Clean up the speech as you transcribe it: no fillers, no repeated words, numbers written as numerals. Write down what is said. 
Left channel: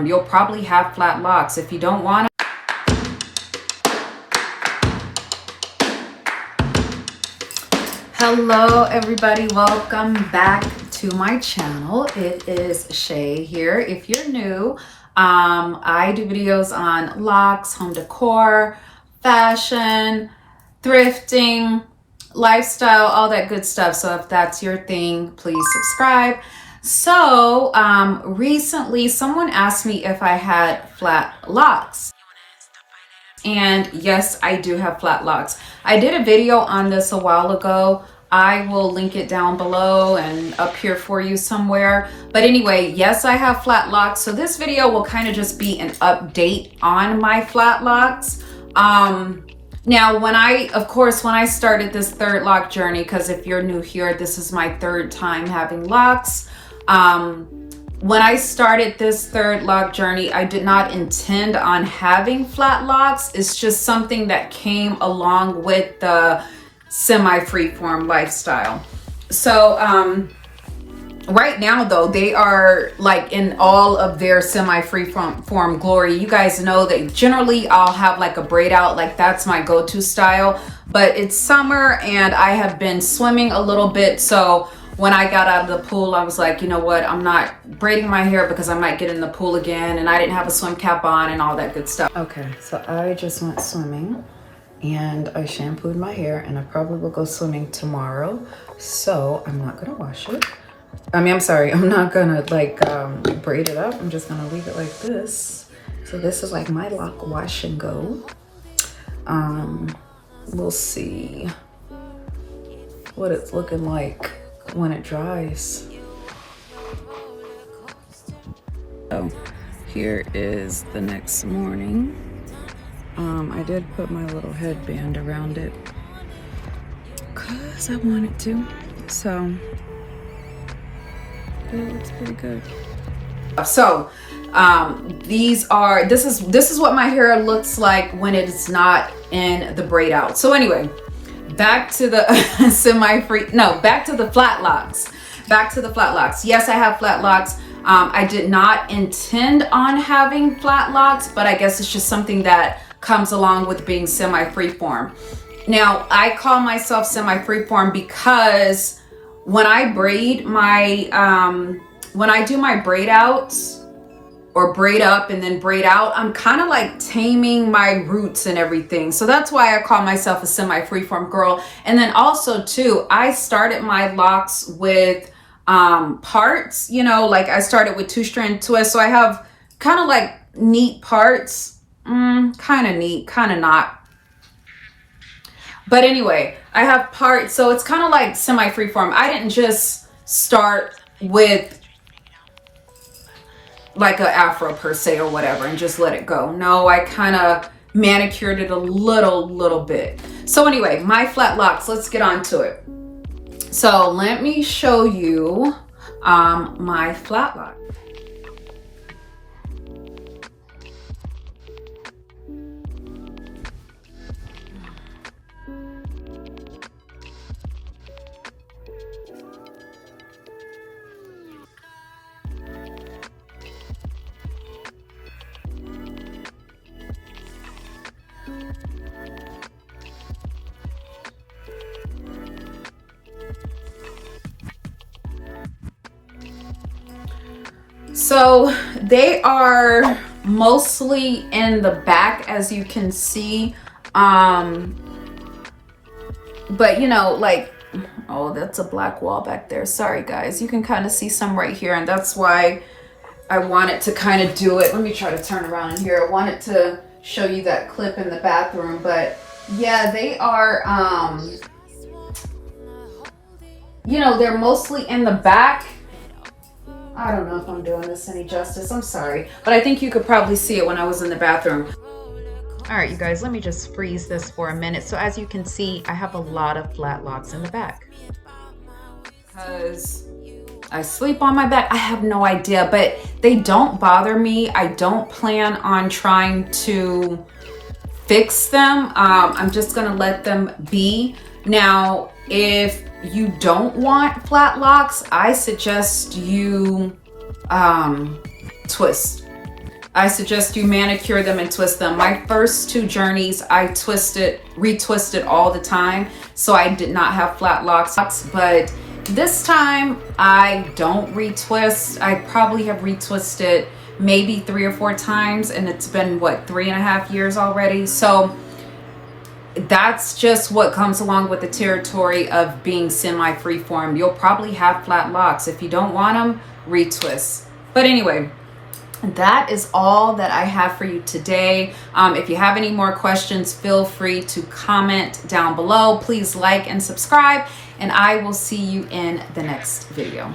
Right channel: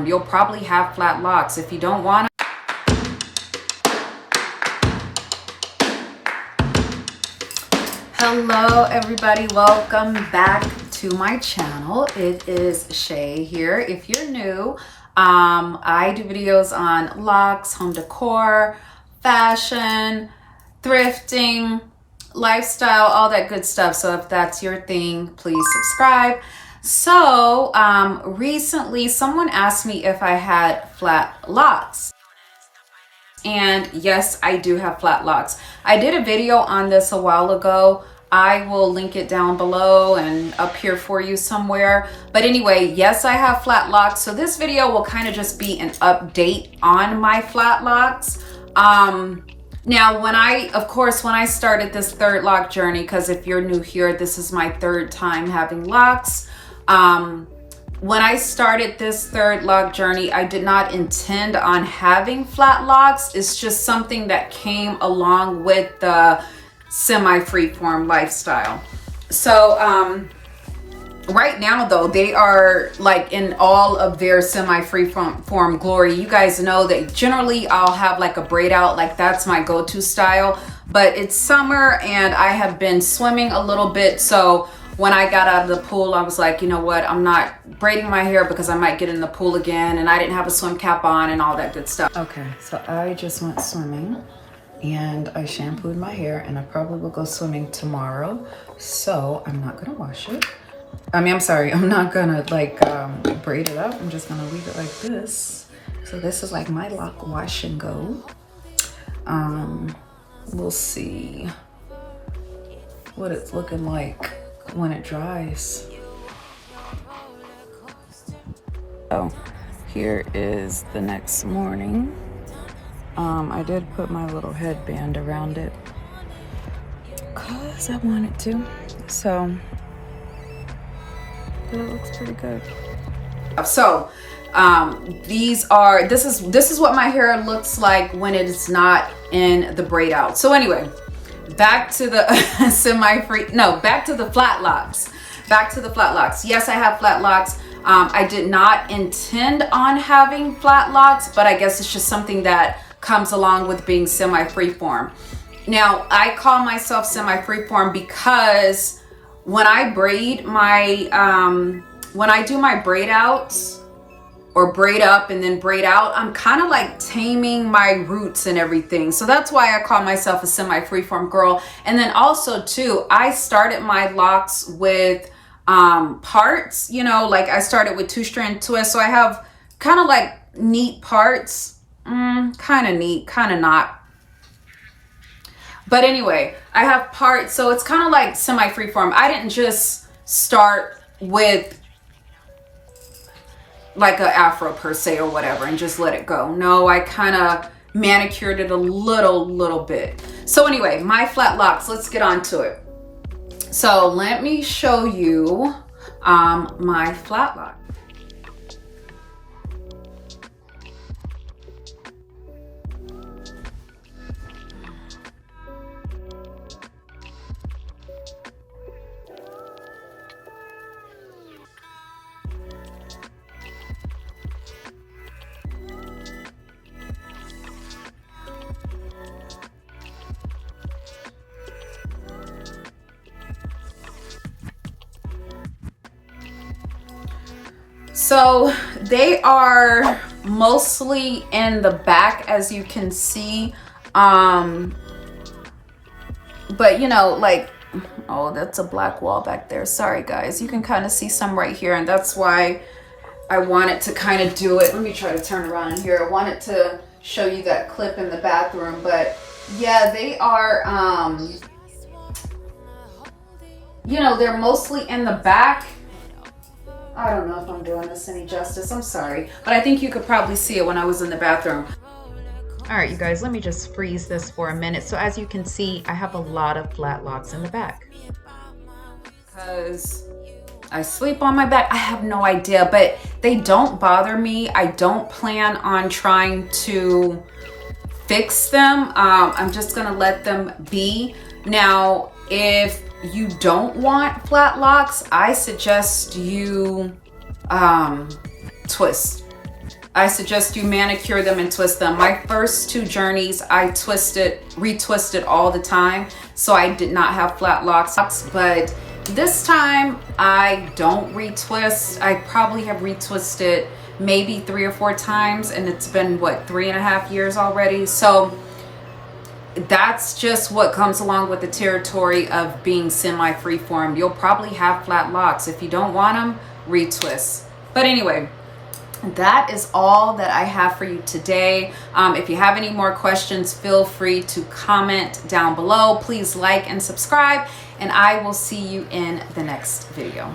you'll probably have flat locks. If you don't want to. Hello everybody, welcome back to my channel. It is Shae here. If you're new, I do videos on locks, home decor, fashion, thrifting, lifestyle, all that good stuff. So if that's your thing, please subscribe. So recently someone asked me if I had flat locks. And yes, I do have flat locks. I did a video on this a while ago. I will link it down below and up here for you somewhere. But anyway, yes, I have flat locks. So this video will kind of just be an update on my flat locks. Now, when I started this third lock journey, because if you're new here, this is my third time having locks. When I started this third lock journey, I did not intend on having flat locks. It's just something that came along with the semi-freeform lifestyle. So right now though, they are like in all of their semi-freeform glory. You guys know that generally I'll have like a braid out, like that's my go-to style, but it's summer and I have been swimming a little bit. So when I got out of the pool, I was like, you know what, I'm not braiding my hair because I might get in the pool again, and I didn't have a swim cap on and all that good stuff. Okay, so I just went swimming and I shampooed my hair, and I probably will go swimming tomorrow. So I'm not gonna wash it. I'm sorry, I'm not gonna like braid it up. I'm just gonna leave it like this. So this is like my lock wash and go. We'll see what it's looking like when it dries. So here is the next morning. I did put my little headband around it because I wanted to. So it looks pretty good. So this is what my hair looks like when it is not in the braid out. So anyway, back to the back to the flat locks. Back to the flat locks. Yes, I have flat locks. I did not intend on having flat locks, but I guess it's just something that comes along with being semi-freeform. Now, I call myself semi-freeform because when I braid my, when I do my braid outs or braid up and then braid out, I'm kind of like taming my roots and everything. So that's why I call myself a semi-freeform girl. And then also too, I started my locks with parts, you know, like I started with 2-strand twists. So I have kind of like neat parts, kind of neat, kind of not. But anyway, I have parts, so it's kind of like semi-freeform. I didn't just start with like a afro per se or whatever and just let it go. No, I kind of manicured it a little bit. So anyway, my flat locks, let's get on to it. So let me show you my flat lock. So they are mostly in the back, as you can see. But you know, like, oh, that's a black wall back there. Sorry guys, you can kind of see some right here, and that's why I wanted to kind of do it. Let me try to turn around here. I wanted to show you that clip in the bathroom, but yeah, they are, you know, they're mostly in the back. I don't know if I'm doing this any justice. I'm sorry, but I think you could probably see it when I was in the bathroom. All right, you guys, let me just freeze this for a minute. So as you can see, I have a lot of flat locks in the back. Because I sleep on my back, I have no idea, but they don't bother me. I don't plan on trying to fix them. I'm just gonna let them be. Now, if you don't want flat locks, I suggest you twist. I suggest you manicure them and twist them. My first 2 journeys, I retwisted all the time, so I did not have flat locks. But this time, I don't retwist. I probably have retwisted maybe 3 or 4 times, and it's been, what, 3.5 years already? So that's just what comes along with the territory of being semi-freeform. You'll probably have flat locks. If you don't want them, retwist. But anyway, that is all that I have for you today. If you have any more questions, feel free to comment down below. Please like and subscribe, and I will see you in the next video.